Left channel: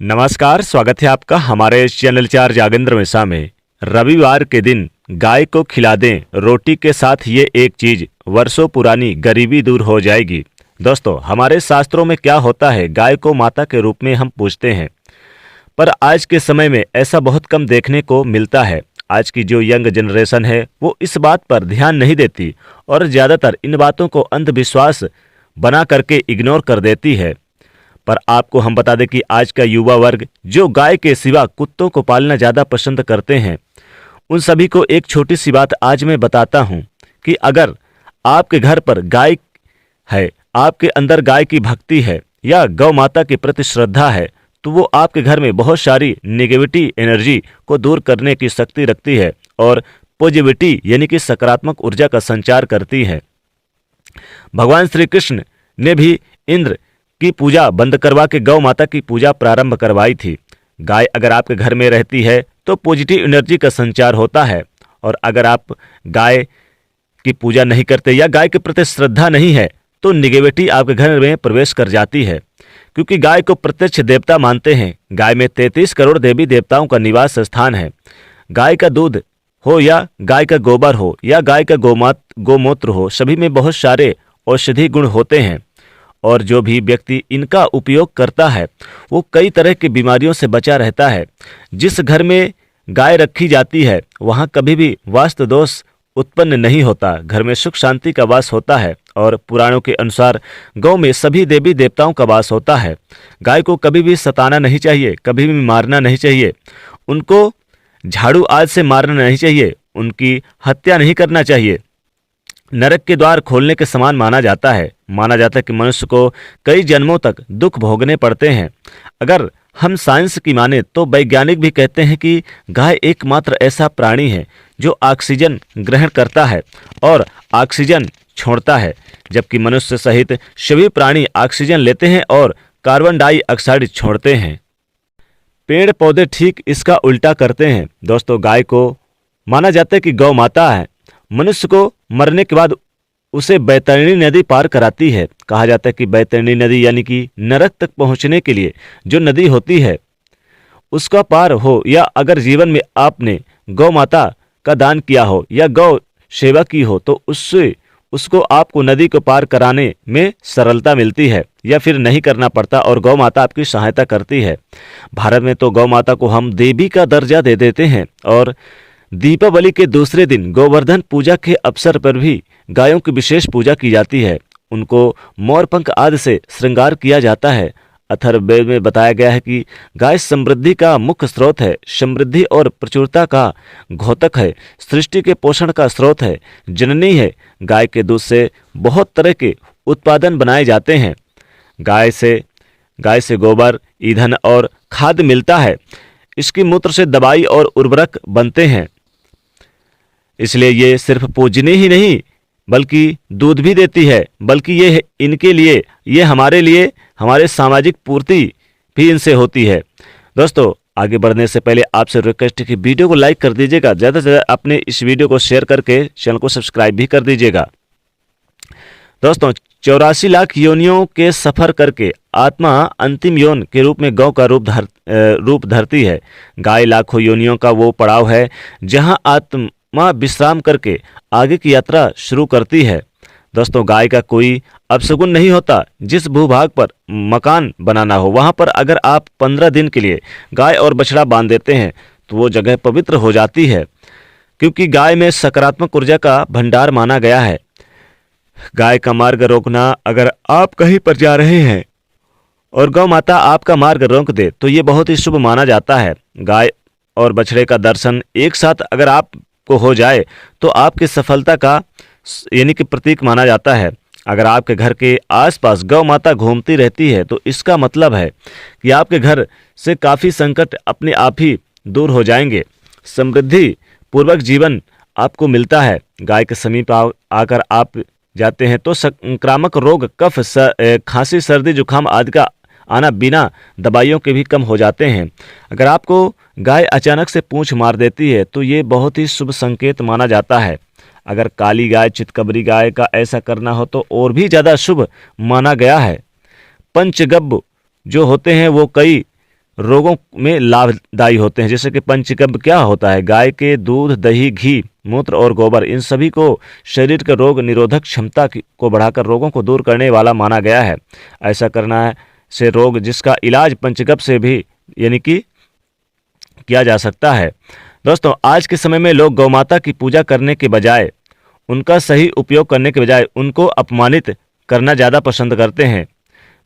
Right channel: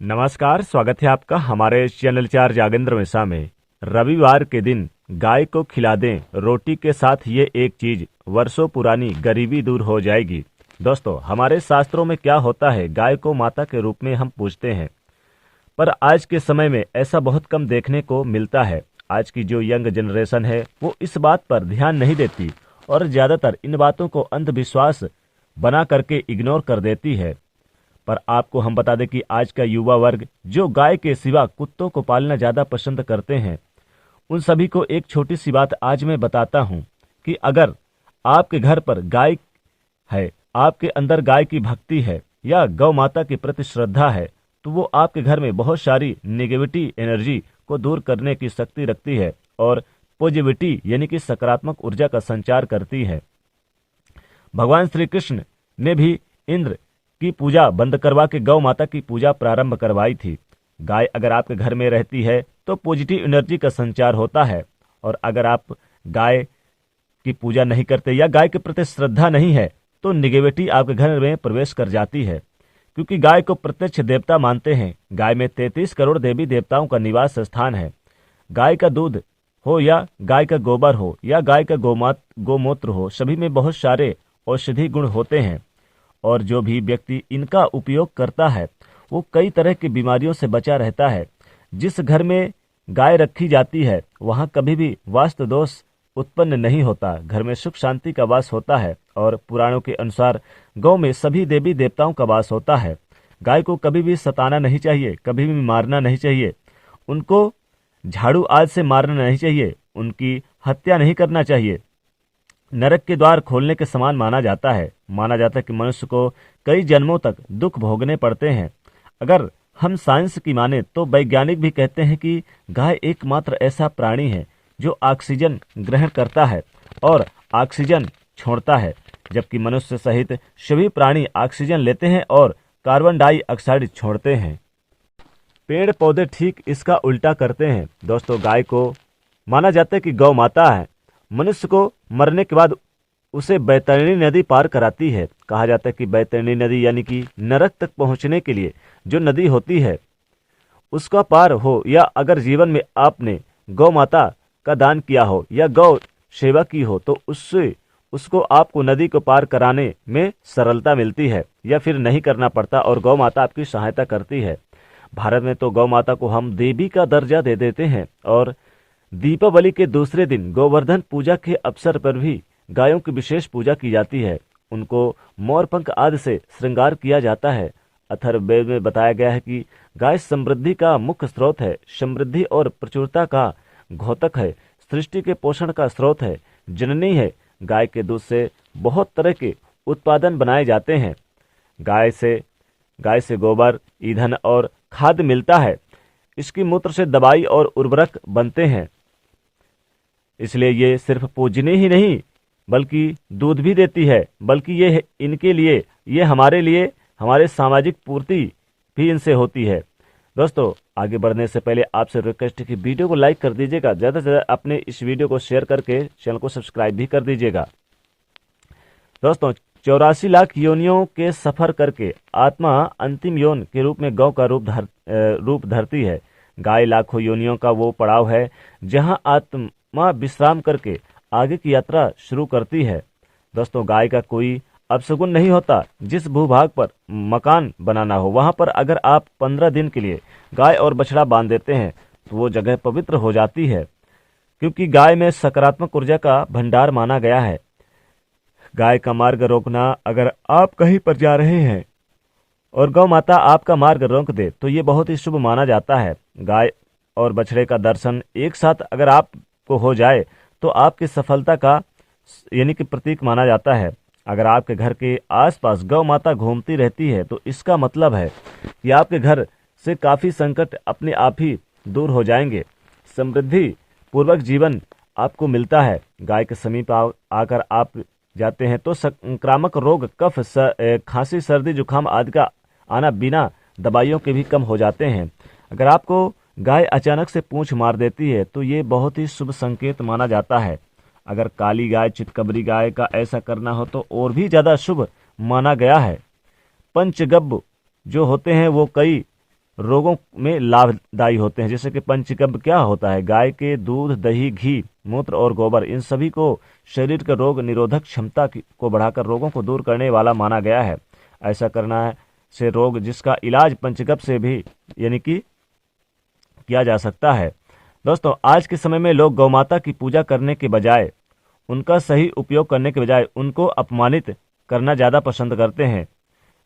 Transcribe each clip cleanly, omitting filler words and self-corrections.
नमस्कार, स्वागत है आपका हमारे इस चैनल चार जागेंद्र मिश्रा में। रविवार के दिन गाय को खिला दें रोटी के साथ ये एक चीज, वर्षों पुरानी गरीबी दूर हो जाएगी। दोस्तों, हमारे शास्त्रों में क्या होता है, गाय को माता के रूप में हम पूजते हैं, पर आज के समय में ऐसा बहुत कम देखने को मिलता है। आज की जो यंग जनरेशन है वो इस बात पर ध्यान नहीं देती और ज़्यादातर इन बातों को अंधविश्वास बना करके इग्नोर कर देती है। पर आपको हम बता दें कि आज का युवा वर्ग जो गाय के सिवा कुत्तों को पालना ज़्यादा पसंद करते हैं, उन सभी को एक छोटी सी बात आज मैं बताता हूं कि अगर आपके घर पर गाय है, आपके अंदर गाय की भक्ति है या गौ माता के प्रति श्रद्धा है, तो वो आपके घर में बहुत सारी नेगेटिविटी एनर्जी को दूर करने की शक्ति रखती है और पॉजिटिविटी यानी कि सकारात्मक ऊर्जा का संचार करती है। भगवान श्री कृष्ण ने भी इंद्र की पूजा बंद करवा के गौ माता की पूजा प्रारंभ करवाई थी। गाय अगर आपके घर में रहती है तो पॉजिटिव एनर्जी का संचार होता है, और अगर आप गाय की पूजा नहीं करते या गाय के प्रति श्रद्धा नहीं है तो निगेटिविटी आपके घर में प्रवेश कर जाती है, क्योंकि गाय को प्रत्यक्ष देवता मानते हैं। गाय में 33 करोड़ देवी देवताओं का निवास स्थान है। गाय का दूध हो या गाय का गोबर हो या गाय का गोमूत्र हो, सभी में बहुत सारे औषधि गुण होते हैं, और जो भी व्यक्ति इनका उपयोग करता है वो कई तरह की बीमारियों से बचा रहता है। जिस घर में गाय रखी जाती है वहाँ कभी भी वास्तु दोष उत्पन्न नहीं होता, घर में सुख शांति का वास होता है, और पुराणों के अनुसार गौ में सभी देवी देवताओं का वास होता है। गाय को कभी भी सताना नहीं चाहिए, कभी भी मारना नहीं चाहिए, उनको झाड़ू आज से मारना नहीं चाहिए, उनकी हत्या नहीं करना चाहिए। नरक के द्वार खोलने के समान माना जाता है। माना जाता है कि मनुष्य को कई जन्मों तक दुख भोगने पड़ते हैं। अगर हम साइंस की माने तो वैज्ञानिक भी कहते हैं कि गाय एकमात्र ऐसा प्राणी है जो ऑक्सीजन ग्रहण करता है और ऑक्सीजन छोड़ता है, जबकि मनुष्य सहित सभी प्राणी ऑक्सीजन लेते हैं और कार्बन डाइऑक्साइड छोड़ते हैं। पेड़ पौधे ठीक इसका उल्टा करते हैं। दोस्तों, गाय को माना जाता है कि गौ माता है। मनुष्य को मरने के बाद उसे बैतरणी नदी पार कराती है। कहा जाता है कि बैतरणी नदी यानी कि नरक तक पहुंचने के लिए जो नदी होती है उसका पार हो, या अगर जीवन में आपने गौ माता का दान किया हो या गौ सेवा की हो तो उससे उसको आपको नदी को पार कराने में सरलता मिलती है या फिर नहीं करना पड़ता, और गौ माता आपकी सहायता करती है। भारत में तो गौ माता को हम देवी का दर्जा दे देते हैं, और दीपावली के दूसरे दिन गोवर्धन पूजा के अवसर पर भी गायों की विशेष पूजा की जाती है। उनको मोर पंख आदि से श्रृंगार किया जाता है। अथर्ववेद में बताया गया है कि गाय समृद्धि का मुख्य स्रोत है, समृद्धि और प्रचुरता का घोतक है, सृष्टि के पोषण का स्रोत है, जननी है। गाय के दूध से बहुत तरह के उत्पादन बनाए जाते हैं। गाय से गोबर, ईंधन और खाद मिलता है। इसकी मूत्र से दवाई और उर्वरक बनते हैं। इसलिए ये सिर्फ पूजनीय ही नहीं बल्कि दूध भी देती है, बल्कि ये इनके लिए, ये हमारे लिए, हमारे सामाजिक पूर्ति भी इनसे होती है। दोस्तों, आगे बढ़ने से पहले आपसे रिक्वेस्ट है कि वीडियो को लाइक कर दीजिएगा, ज़्यादा से ज़्यादा अपने इस वीडियो को शेयर करके चैनल को सब्सक्राइब भी कर दीजिएगा। दोस्तों, 84 लाख योनियों के सफर करके आत्मा अंतिम योन के रूप में गौ का रूप धरती है। गाय लाखों योनियों का वो पड़ाव है जहां आत्मा विश्राम करके आगे की यात्रा शुरू करती है। दोस्तों, गाय का कोई अपशगुन नहीं होता। जिस भूभाग पर मकान बनाना हो वहां पर अगर आप 15 दिन के लिए गाय और बछड़ा बांध देते हैं तो वो जगह पवित्र हो जाती है, क्योंकि गाय में सकारात्मक ऊर्जा का भंडार माना गया है। गाय का मार्ग रोकना, अगर आप कहीं पर जा रहे हैं और गौ माता आपका मार्ग रोक दे तो ये बहुत ही शुभ माना जाता है। गाय और बछड़े का दर्शन एक साथ अगर आपको हो जाए तो आपकी सफलता का यानी कि प्रतीक माना जाता है। अगर आपके घर के आसपास गौ माता घूमती रहती है तो इसका मतलब है कि आपके घर से काफ़ी संकट अपने आप ही दूर हो जाएंगे, समृद्धि पूर्वक जीवन आपको मिलता है। गाय के समीप आकर आप जाते हैं तो संक्रामक रोग, कफ, खांसी, सर्दी, जुकाम आदि का आना बिना दवाइयों के भी कम हो जाते हैं। अगर आपको गाय अचानक से पूंछ मार देती है तो ये बहुत ही शुभ संकेत माना जाता है। अगर काली गाय, चितकबरी गाय का ऐसा करना हो तो और भी ज़्यादा शुभ माना गया है। पंचगव्य जो होते हैं वो कई रोगों में लाभदायी होते हैं। जैसे कि पंचगव्य क्या होता है, गाय के दूध, दही, घी, मूत्र और गोबर, इन सभी को शरीर के रोग निरोधक क्षमता को बढ़ाकर रोगों को दूर करने वाला माना गया है। ऐसा करना से रोग जिसका इलाज पंचगव्य से भी यानी कि किया जा सकता है। दोस्तों, आज के समय में लोग गौमाता की पूजा करने के बजाय, उनका सही उपयोग करने के बजाय उनको अपमानित करना ज़्यादा पसंद करते हैं।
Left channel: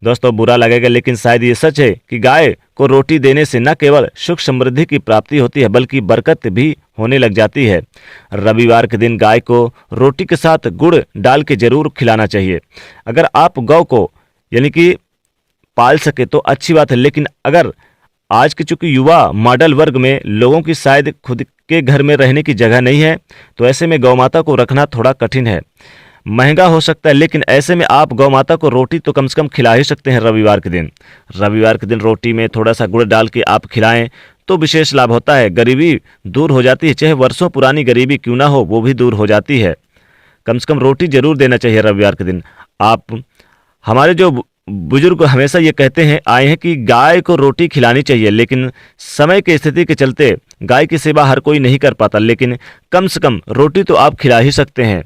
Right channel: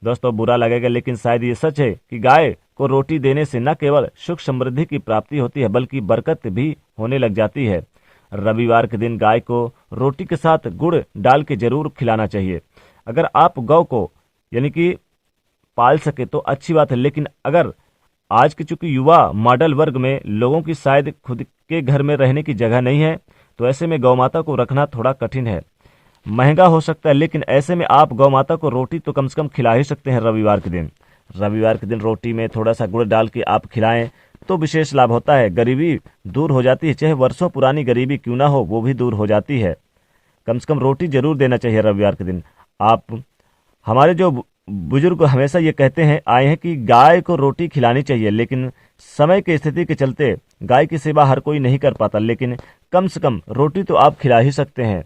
दोस्तों, बुरा लगेगा लेकिन शायद ये सच है कि गाय को रोटी देने से न केवल सुख समृद्धि की प्राप्ति होती है बल्कि बरकत भी होने लग जाती है। रविवार के दिन गाय को रोटी के साथ गुड़ डाल के जरूर खिलाना चाहिए। अगर आप गौ को यानी कि पाल सके तो अच्छी बात है, लेकिन अगर आज के चूंकि युवा मॉडल वर्ग में लोगों की शायद खुद के घर में रहने की जगह नहीं है, तो ऐसे में गौ माता को रखना थोड़ा कठिन है, महंगा हो सकता है। लेकिन ऐसे में आप गौ माता को रोटी तो कम से कम खिला ही सकते हैं रविवार के दिन। रविवार के दिन रोटी में थोड़ा सा गुड़ डाल के आप खिलाएं तो विशेष लाभ होता है। गरीबी दूर हो जाती है, चाहे वर्षों पुरानी गरीबी क्यों ना हो, वो भी दूर हो जाती है। कम से कम रोटी जरूर देना चाहिए रविवार के दिन। आप हमारे जो बुजुर्ग हमेशा ये कहते हैं आए हैं कि गाय को रोटी खिलानी चाहिए, लेकिन समय की स्थिति के चलते गाय की सेवा हर कोई नहीं कर पाता, लेकिन कम से कम रोटी तो आप खिला ही सकते हैं।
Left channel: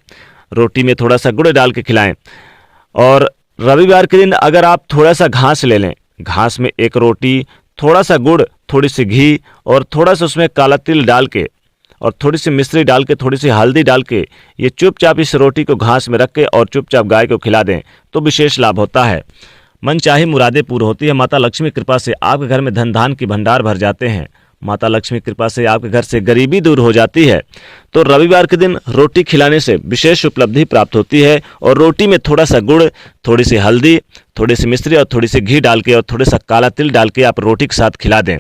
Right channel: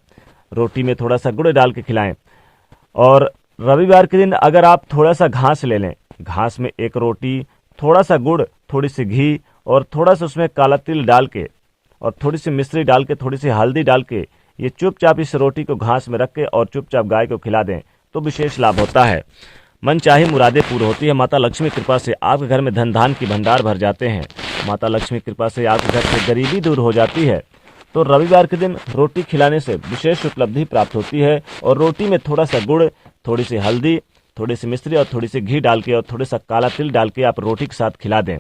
रोटी में थोड़ा सा गुड़ डाल के खिलाएं। और रविवार के दिन अगर आप थोड़ा सा घास ले लें, घास में एक रोटी, थोड़ा सा गुड़, थोड़ी सी घी और थोड़ा सा उसमें काला तिल डाल के और थोड़ी सी मिश्री डाल के, थोड़ी सी हल्दी डाल के, ये चुपचाप इस रोटी को घास में रख के और चुपचाप गाय को खिला दें तो विशेष लाभ होता है। मन चाहे मुरादें पूर्ण होती है। माता लक्ष्मी कृपा से आपके घर में धन धान की भंडार भर जाते हैं। माता लक्ष्मी कृपा से आपके घर से गरीबी दूर हो जाती है। तो रविवार के दिन रोटी खिलाने से विशेष उपलब्धि प्राप्त होती है। और रोटी में थोड़ा सा गुड़, थोड़ी सी हल्दी, थोड़ी सी मिश्री और थोड़ी सी घी डाल के और थोड़ा सा काला तिल डाल के आप रोटी के साथ खिला दें।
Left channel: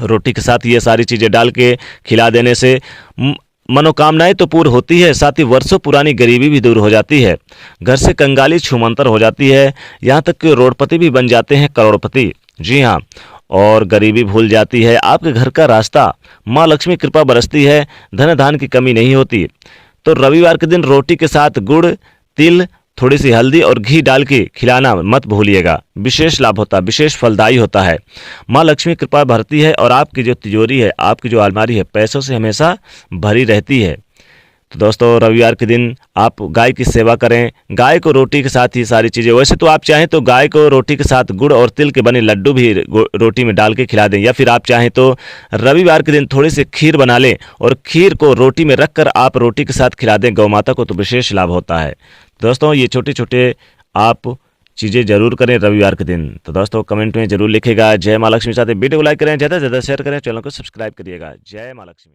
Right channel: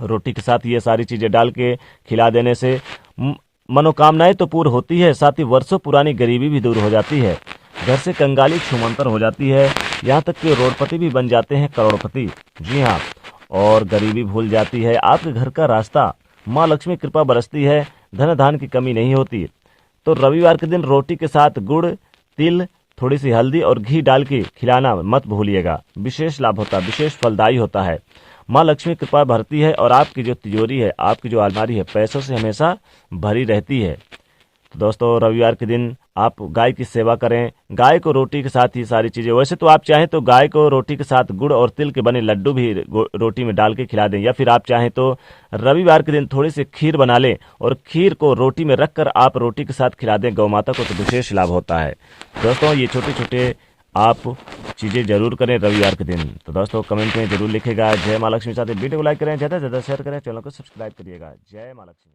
रोटी के साथ ये सारी चीज़ें डाल के खिला देने से मनोकामनाएं तो पूर्ण होती है, साथ ही वर्षों पुरानी गरीबी भी दूर हो जाती है। घर से कंगाली छूमंतर हो जाती है, यहाँ तक कि रोडपति भी बन जाते हैं करोड़पति। जी हाँ, और गरीबी भूल जाती है। आपके घर का रास्ता माँ लक्ष्मी कृपा बरसती है, धन धान की कमी नहीं होती। तो रविवार के दिन रोटी के साथ गुड़, तिल, थोड़ी सी हल्दी और घी डाल के खिलाना मत भूलिएगा। विशेष लाभ होता है, विशेष फलदायी होता है। माँ लक्ष्मी कृपा भरती है और आपकी जो तिजोरी है, आपकी जो अलमारी है, पैसों से हमेशा भरी रहती है। तो दोस्तों, रविवार के दिन आप गाय की सेवा करें। गाय को रोटी के साथ ही सारी चीज़ें, वैसे तो आप चाहें तो गाय को रोटी के साथ गुड़ और तिल के बने लड्डू भी रोटी में डाल के खिला दें, या फिर आप चाहें तो रविवार के दिन थोड़ी सी खीर बना लें और खीर को रोटी में रख कर आप रोटी के साथ खिला दें गौ माता को, तो विशेष लाभ होता है। दोस्तों, ये छोटे छोटे आप चीज़ें जरूर करें रविवार के दिन। तो दोस्तों, कमेंट में जरूर लिखेगा जय माँ लक्ष्मी। साथ ही वीडियो को लाइक करें, ज़्यादा से ज़्यादा शेयर करें, चैनल को सब्सक्राइब करिएगा। जय माँ लक्ष्मी।